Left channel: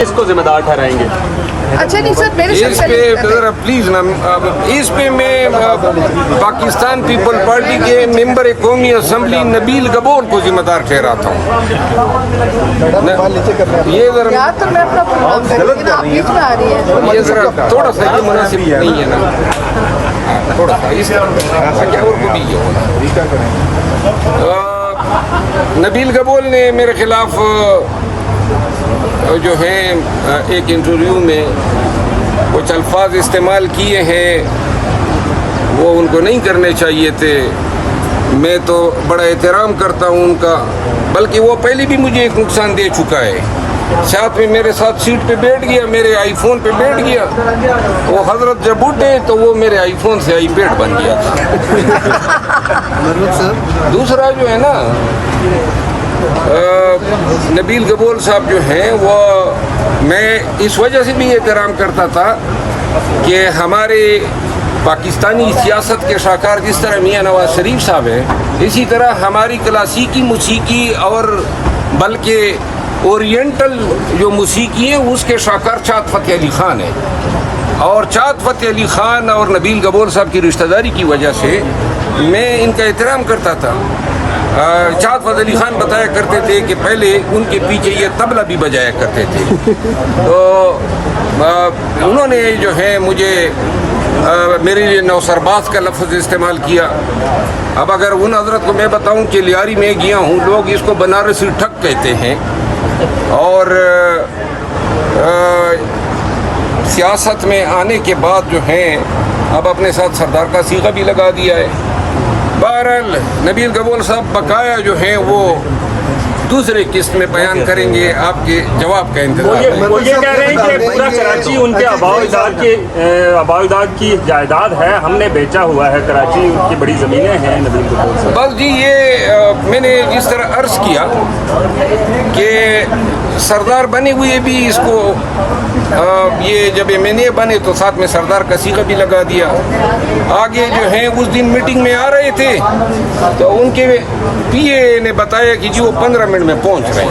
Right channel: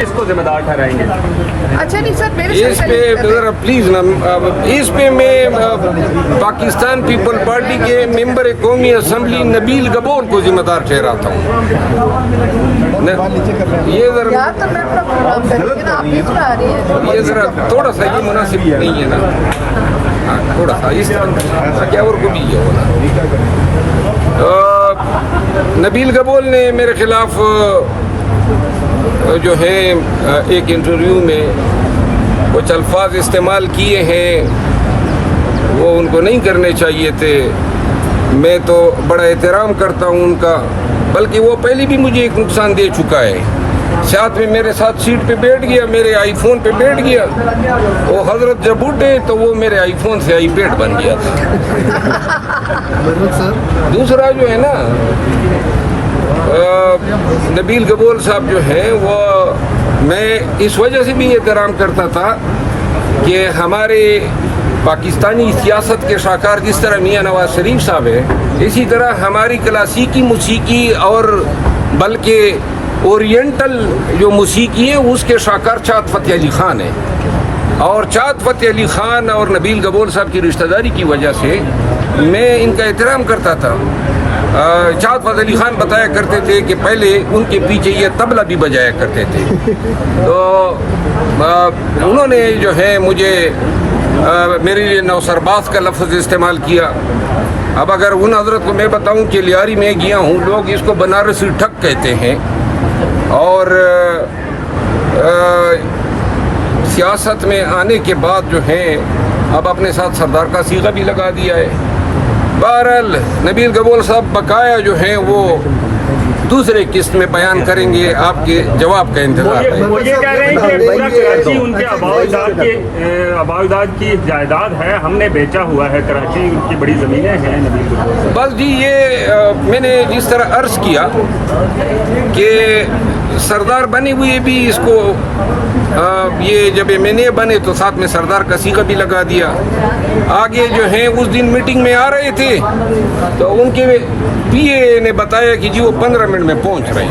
کس کو ذمہ دار ٹھہرائیں گے؟ اچھا نہیں سر میرے اس پہ ذرا پلیز نا، اس پہ میں پاکستان پیپل پارٹی کے ممبر قومی اسمبلی نبیل گبور کو ذمہ دار ٹھہراتا ہوں. یہ ذرا یار تو میں اپنا پروگرام کروں لیکن آپ بیچ میں آ رہی ہیں. یہ ذرا تھوڑا سا یہ مناسب نہیں ہے نا، تھوڑا سا اس جاور کو بھی یہ ہونا. نبیل گبول نے میرے خلاف جو ہے ایک انٹرویو میں کچھ الفاظ استعمال کیے ہیں، وہ ان کو نہیں کرنے چاہیے تھے. میں تو بڑا احترام کرتا ہوں ان کا، بلکہ وہ پہلے بھی مجھے ایک نقصان دے چکا ہے. ساتھ میں میرے ساتھ سیٹ پہ بیٹھ گیا، میرے آئی فون پہ بیٹھ گیا. وہ حضرت جب اٹھے تو وہ میرے آئی فون سے آئی پیڈ بن گیا تھا. دوسرا جو ہے نا، نبیل گبول صاحب جو ہیں وہ میں اس وجہ سے بھی احترام کرتا تھا کہ ہمارے پاکستانی سیاست کے شاہکار جس طرح میاں نواز شریف صاحب ہیں، اسی طرح ہماری کلاسیکی موسیقی اور بلکہ اورینٹل جو موسیقی ہے اس کے شاہکار چاند فتح علی خان ہے. اور چاند فتح علی خان اور نبیل گبول صاحب کی رشتہ داری کی وجہ سے میں ان کا احترام کرتا تھا. چاند فتح علی خان بتایا کرتے تھے کہ پہلے ان کے پیچھے یہ طبلہ بھی بجایا کرتے تھے. تو انہوں نے جو ہے مجھے میرے لیے نوسرباز کا لفظ استعمال کیا. اب اگر ان حضرت کو میں بتاؤں کہ لیاری میں گیا ہوں، لوگ اس کو بنارسی ٹھگ کہتے ہیں. اور سیاست میں آنے کے بعد جو ہیں اب اپنے ساتھ سردار کا صیغہ بھی لگا دیا ہے. بہرحال نبیل گبول صاحب بقایا جو ہیں وہ دوسرے قسط میں بیان کریں گے، آپ کے جواب کا انتظار ہے. وہ یہ کہہ رہے ہیں کہ پورا کراچی ان کے آباء و اجداد کی جائیداد ہے، ہم نے بیچا ہوا ہے، کراچی کی بڑی زمینیں ہیں. نبیل گبول صاحب بس جی، یہ میں نے جس طرح عرض کیا کہ سردار بنے ہوئے بھی اس کو یہ جب ایم این اے بنے تو ساتھ میں سردار کا صیغہ بھی لگا دیا. آگے جو ہیں اس دن میٹنگ میں آ رہے تھے تو ان کے پی اے نے بتایا کہ جی وہ 15 منٹ میں پہنچ رہے ہیں.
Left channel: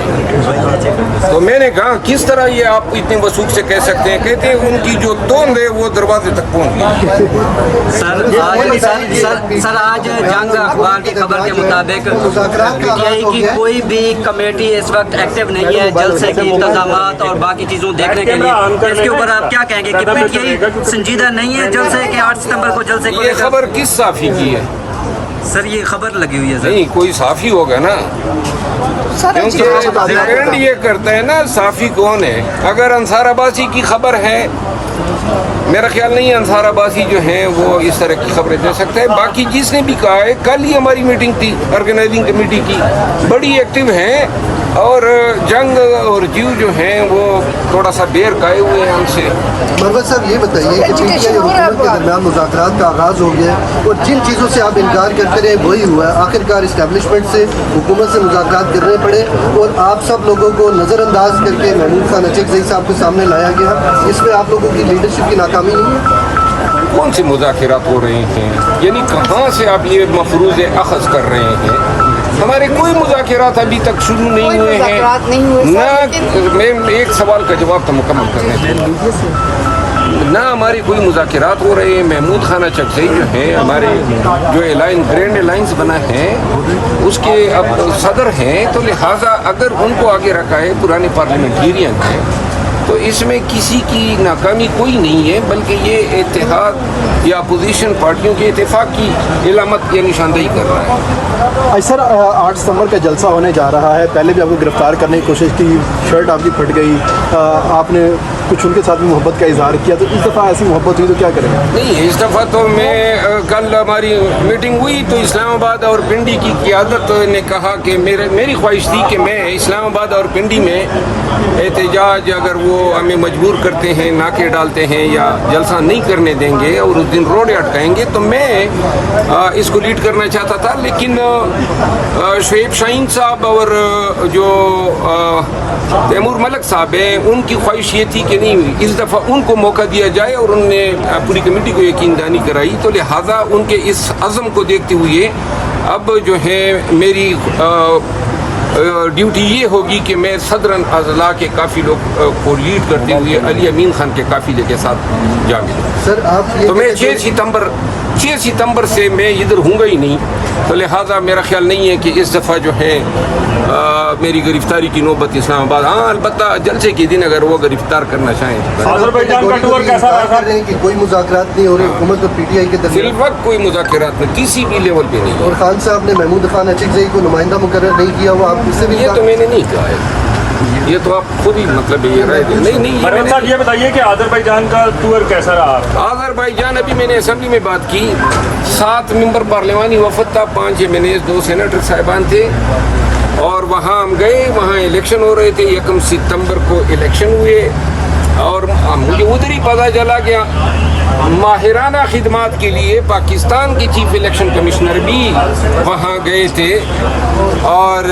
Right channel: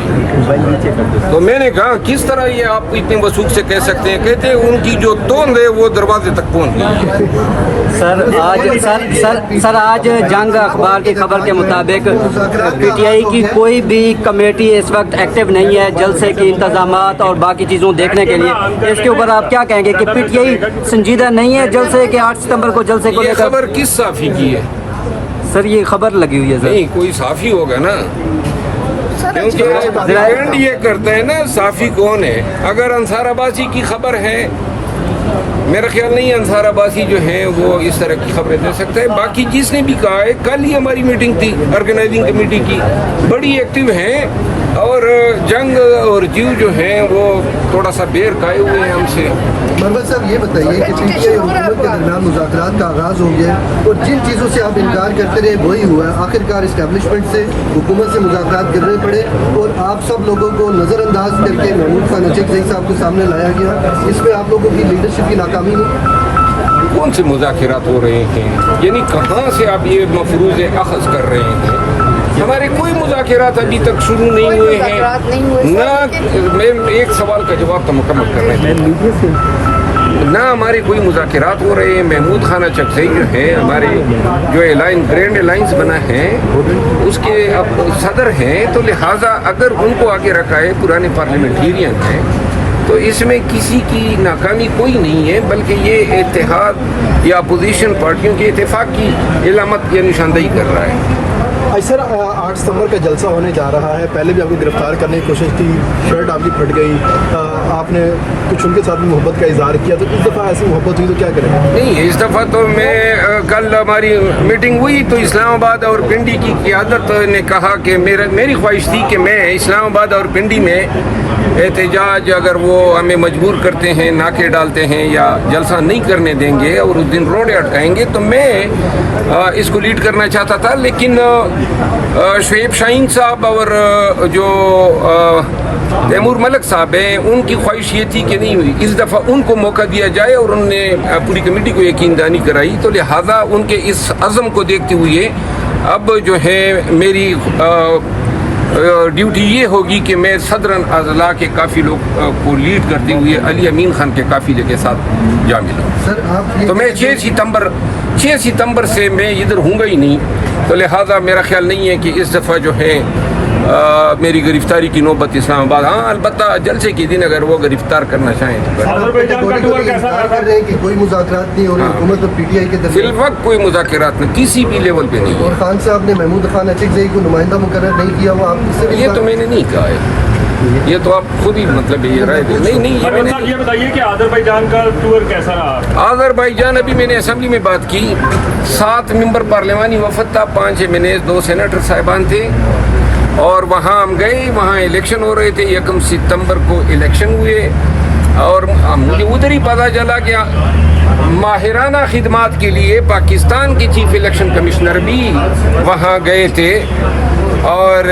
تو میں نے کہا کس طرح یہ آپ اتنے وثوق سے کہہ سکتے ہیں؟ کہتے ہیں ان کی جو ٹون ہے وہ دروازے تک پہنچ گئی. سر آج جنگ اخبار کی خبر کے مطابق پی ٹی آئی کی کوئی بھی کمیٹی اس وقت ایکٹیو نہیں ہے جلسے کے انتظامات اور باقی چیزوں دیکھنے کے لیے. اس کے اوپر آپ کیا کہیں گے کہ پی ٹی آئی سنجیدہ نہیں ہے جلسے کے 8 ستمبر کو جلسے کو؟ یہ خبر کس صحافی کی ہے؟ سر یہ خبر لگی ہوئی ہے. نہیں، کوئی صحافی ہوگا نا، کیونکہ ڈیپینڈ یہ کرتا ہے نا صحافی کون ہے. اگر انصار عباسی کی خبر ہے، میرا خیال نہیں انصار عباسی جو ہیں وہ اس طرح کی خبریں دے سکتے ہیں. باقی جس نے بھی کہا ہے، کل ہی ہماری میٹنگ تھی آرگنائزنگ کمیٹی کی، بڑی ایکٹیو ہیں. اور جنگ اور جیو جو ہیں وہ تھوڑا سا دیر کھائے ہوئے ہیں ہم سے. محمد صاحب یہ بتائیے کہ پی ٹی آئی اور حکومت کے درمیان مذاکرات کا آغاز ہو گیا اور جن چیزوں سے آپ انکار کرتے رہے وہی ہوا ہے. آخرکار اسٹیبلشمنٹ سے حکومت سے مذاکرات کرنے پڑے اور آپ سب لوگوں کو نظر انداز کر کے محمود خان اچکزئی صاحب کے سامنے لایا گیا. اس میں آپ لوگوں کی لیڈرشپ کی ناکامی نہیں؟ کون سے مذاکرات ہو رہے ہیں؟ یعنی کہاں سے آپ یہ مفروض اخذ کر رہے ہیں؟ ہمارے کوئی مذاکرات ابھی تک شروع نہیں ہوئے ہیں. نہ میں ایک سوال کا جواب تو مکمل کر رہے ہیں. نہ ہمارے کوئی مذاکرات ہو رہے ہیں. محمود خان اچکزئی جو ہیں ہمارے جو گرینڈ الائنس بنا ہے اس کے اب صدر ہیں، تو لہٰذا اگر ان کو آگے رکھا ہے پرانے پارلیمنٹیرین ہیں تو اس میں کسی کی ناکامی کوئی نہیں ہے، بلکہ یہ اتحاد یا اپوزیشن پارٹیوں کے اتفاق کی علامت یا نشاندہی کر رہا ہے. سر 8 ستمبر کا جلسہ ہونے جا رہا ہے، پہلے بھی آپ کو گرفتار کرنے کی کوشش کی، شرٹ آپ کی پھٹ گئی، آپ نے کچھ ان کے ساتھ بھی محبت کا اظہار کیا، تو اس دفعہ ایسی محبت ہوئی تو کیا کریں؟ نہیں، اس دفعہ تو میں کل ہماری میٹنگ ہوئی تو اسلام آباد اور پنڈی کی قیادت نے کہا کہ میری خواہش تھی کہ میں اسلام آباد اور پنڈی میں احتجاج اگر وہ ہمیں مجبور کرتے ہیں، ناکے ڈالتے ہیں یا جلسہ نہیں کرنے دیں گے اور اس دن روڈ اٹکائیں گے تو میں اس کو لیڈ کرنا چاہتا تھا. لیکن شعیب شاہین صاحب اور جو تیمور ملک صاحب ہیں ان کی خواہش یہ تھی کہ نہیں، اس دفعہ ان کو موقع دیا جائے اور انہوں نے پوری کمیٹی کو یقین دہانی کرائی. تو لہٰذا ان کے اس عزم کو دیکھتے ہوئے اب جو ہے میری ڈیوٹی یہ ہوگی کہ میں صدرن اضلاع کے کافی لوگ کو لیڈ کرتے ہوئے علی امین خان کے قافلے کے ساتھ جا ملوں. سر آپ تو میں 6 ستمبر سے میں ادھر ہوں گا ہی نہیں, تو لہٰذا میرا خیال نہیں ہے کہ اس دفعہ جو ہے میری گرفتاری کی نوبت اسلام آباد. ہاں البتہ جلسے کے دن اگر وہ گرفتار کرنا چاہیں تو آذربائیجان کا ٹور کیسا رہا تھا؟ کہ کوئی مذاکرات نہیں ہو رہے حکومت اور پی ٹی آئی کے فی درمیان, الوقت کوئی مذاکرات نہیں, کسی بھی لیول پہ نہیں. اور خان صاحب نے محمود خان اچکزئی کو نمائندہ مقرر نہیں کیا ہوا, آپ اس سے یہ تو میں نے نہیں کہا ہے, یہ تو آپ خود ہی مطلب یہ رائے دیں. نہیں مہران صاحب یہ بتائیے کہ آذربائیجان کا ٹور کیسا رہا؟ آذربائیجان ابھی میں نے اسمبلی میں بات کی, 7 ممبر پارلیمانی وفد تھا, 5 MNAs 2 سینیٹر صاحبان تھے, اور وہاں ہم گئے, وہاں الیکشن ہو رہے تھے, 1 ستمبر کو الیکشن ہوئے, اور مجھے ادھر ہی پتہ چلا کہ ماہرانہ خدمات کے لیے پاکستان کی چیف الیکشن کمشنر بھی وہاں گئے تھے, اور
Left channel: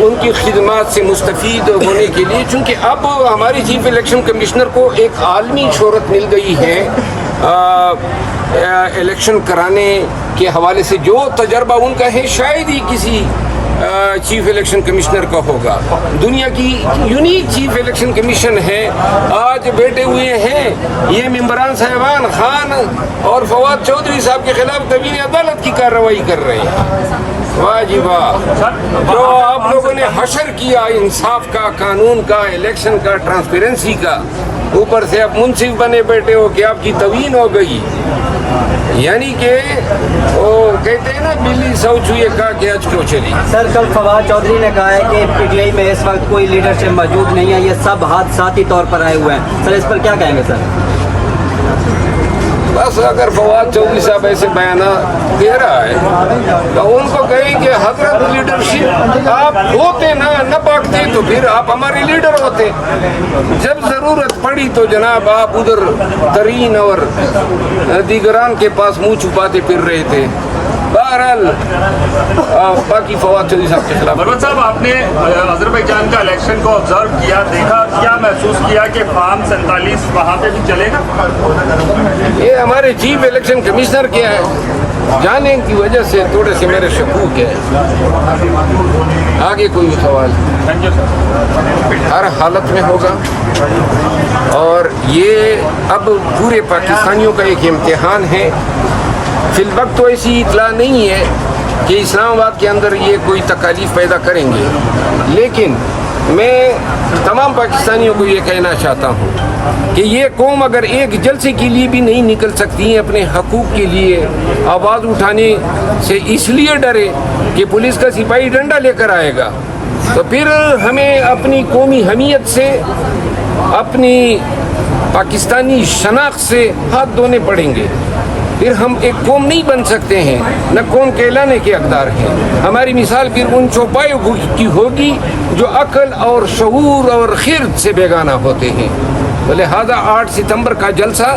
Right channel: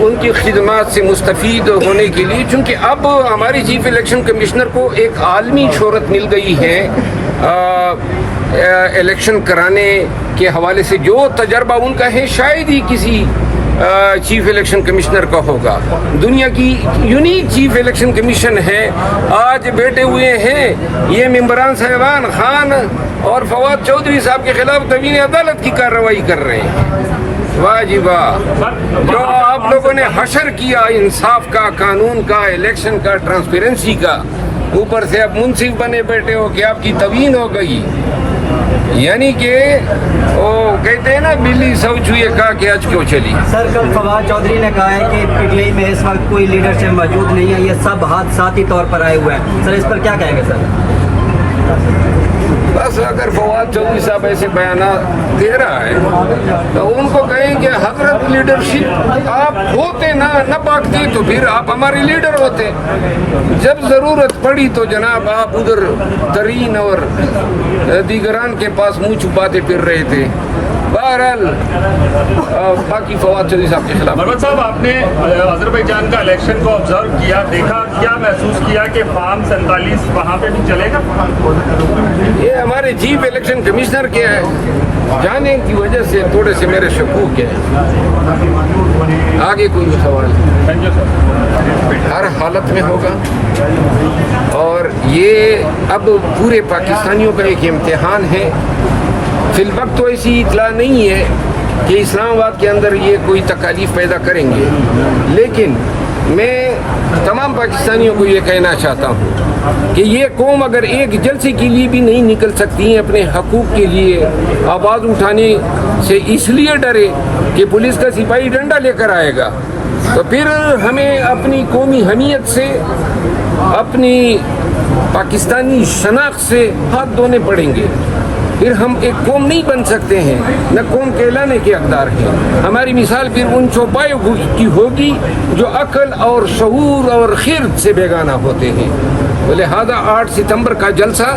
ان کی خدمات سے مستفید ہونے کے لیے, چونکہ اب ہماری چیف الیکشن کمشنر کو ایک عالمی شہرت مل گئی ہے الیکشن کرانے کے حوالے سے. جو تجربہ ان کا ہے شاید ہی کسی چیف الیکشن کمشنر کا ہوگا. دنیا کی یونیک چیف الیکشن کمیشن ہے. آج بیٹھے ہوئے ہیں یہ ممبران صاحبان خان اور فواد چودھری صاحب کے خلاف توہین عدالت کی کارروائی کر رہے ہیں. واہ جی واہ, جو آپ لوگوں نے حشر کیا انصاف کا, قانون کا, الیکشن کا, ٹرانسپیرنسی کا, اوپر سے اب منصف بنے بیٹھے ہو کہ آپ کی توہین ہو گئی. یعنی کہ وہ کہتے ہیں نا بلی سو چوئے کہا کہ آج کیوں چلی. سر کل فواد چودھری نے کہا ہے کہ پی ٹی آئی میں اس وقت کوئی لیڈرشپ موجود نہیں ہے, یہ سب حادثاتی طور پر آئے ہوئے ہیں. سر اس پر کیا کہیں گے سر؟ بس اگر فواد چودھری صاحب ایسے بیانات دے رہا ہے تو ان کو کہیں کہ حضرت لیڈرشپ آپ ہوتے نہ پاکتے تو پھر آپ ہمارے لیڈر ہوتے. جب ضرورت پڑی تو جناب آپ ادھر ترین اور دیگران کے پاس منہ چھپاتے پھر رہے تھے. بہرحال باقی فواد چودھری صاحب کے خلاف. مروت صاحب آپ نے آذربائیجان کا الیکشن کو آبزرو کیا, دیکھا, کیا محسوس کیا کہ فارم 47 وہاں پہ بھی چلے گا؟ یہ ہمارے چیف الیکشن کمشنر کیا ہے جانے کی وجہ سے تھوڑے سے میرے شکوک ہیں. آگے کوئی سوال ہر حالت میں ہوگا, اور یہ اب پورے پاکستانیوں کا ایک امتحان ہے. فی الوقت تو ایسی اطلاع نہیں ہے کہ اسلام آباد کے اندر یہ کوئی تکالیف پیدا کریں گے, لیکن میں تمام پاکستانیوں کو یہ کہنا چاہتا ہوں کہ یہ قوم اگر ایک جلسے کے لیے بھی نہیں نکل سکتی ہے اپنے حقوق کے لیے آواز اٹھانے سے, اس لیے ڈرے کہ پولیس کا سپاہی ڈنڈا لے کر آئے گا, تو پھر ہمیں اپنی قومی حمیت سے, اپنی پاکستانی شناخت سے ہاتھ دھونے پڑیں گے. پھر ہم ایک قوم نہیں بن سکتے ہیں, نہ قوم کہلانے کے حقدار ہیں. ہماری مثال پھر ان چوپایوں کی ہوگی جو عقل اور شعور اور خرد سے بیگانہ ہوتے ہیں. لہذا 8 ستمبر کا جلسہ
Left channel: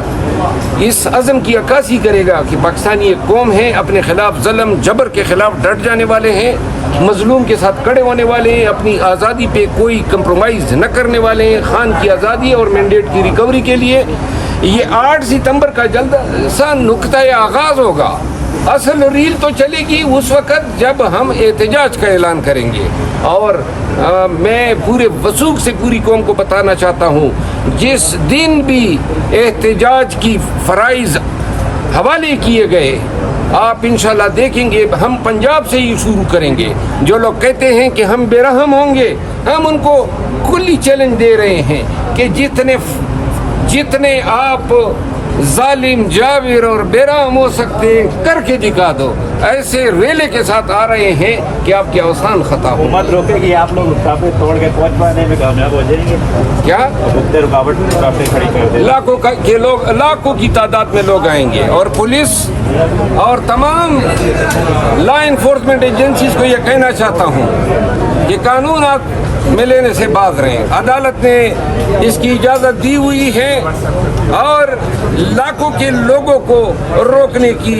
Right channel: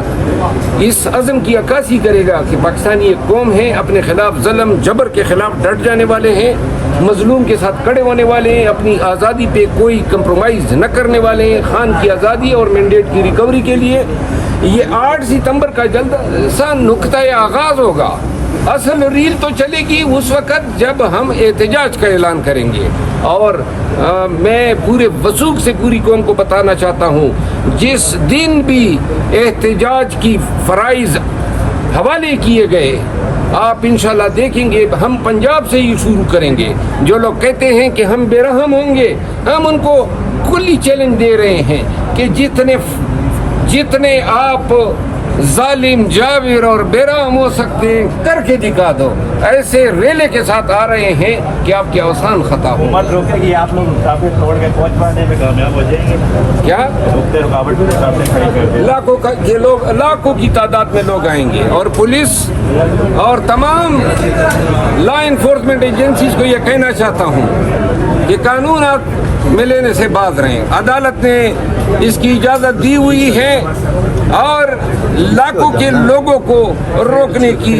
اس عزم کی عکاسی کرے گا کہ پاکستانی ایک قوم ہے, اپنے خلاف ظلم جبر کے خلاف ڈٹ جانے والے ہیں, مظلوم کے ساتھ کھڑے ہونے والے ہیں, اپنی آزادی پہ کوئی کمپرومائز نہ کرنے والے ہیں. خان کی آزادی اور مینڈیٹ کی ریکوری کے لیے یہ 8 ستمبر کا جلسہ نقطۂ آغاز ہوگا. اصل ریل تو چلے گی اس وقت جب ہم احتجاج کا اعلان کریں گے. اور میں پورے وثوق سے پوری قوم کو بتانا چاہتا ہوں, جس دن بھی احتجاج کی فرائض حوالے کیے گئے آپ انشاءاللہ دیکھیں گے ہم پنجاب سے ہی شروع کریں گے. جو لوگ کہتے ہیں کہ ہم بے رحم ہوں گے, ہم ان کو کلی چیلنج دے رہے ہیں کہ جتنے آپ ظالم, جاویر اور بے رحم ہو سکتے ہیں کر کے دکھا دو. ایسے ریلے کے ساتھ آ رہے ہیں کہ آپ کے اوسان خطا ہو. کیا لاکھوں کی تعداد میں لوگ آئیں گے, اور پولیس اور تمام لا انفورسمنٹ ایجنسیز کو یہ کہنا چاہتا ہوں کہ قانون میں لینے سے باز رہیں. عدالت نے اس کی اجازت دی ہوئی ہے, اور لاکھوں کے لوگوں کو روکنے کی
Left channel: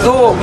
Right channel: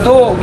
2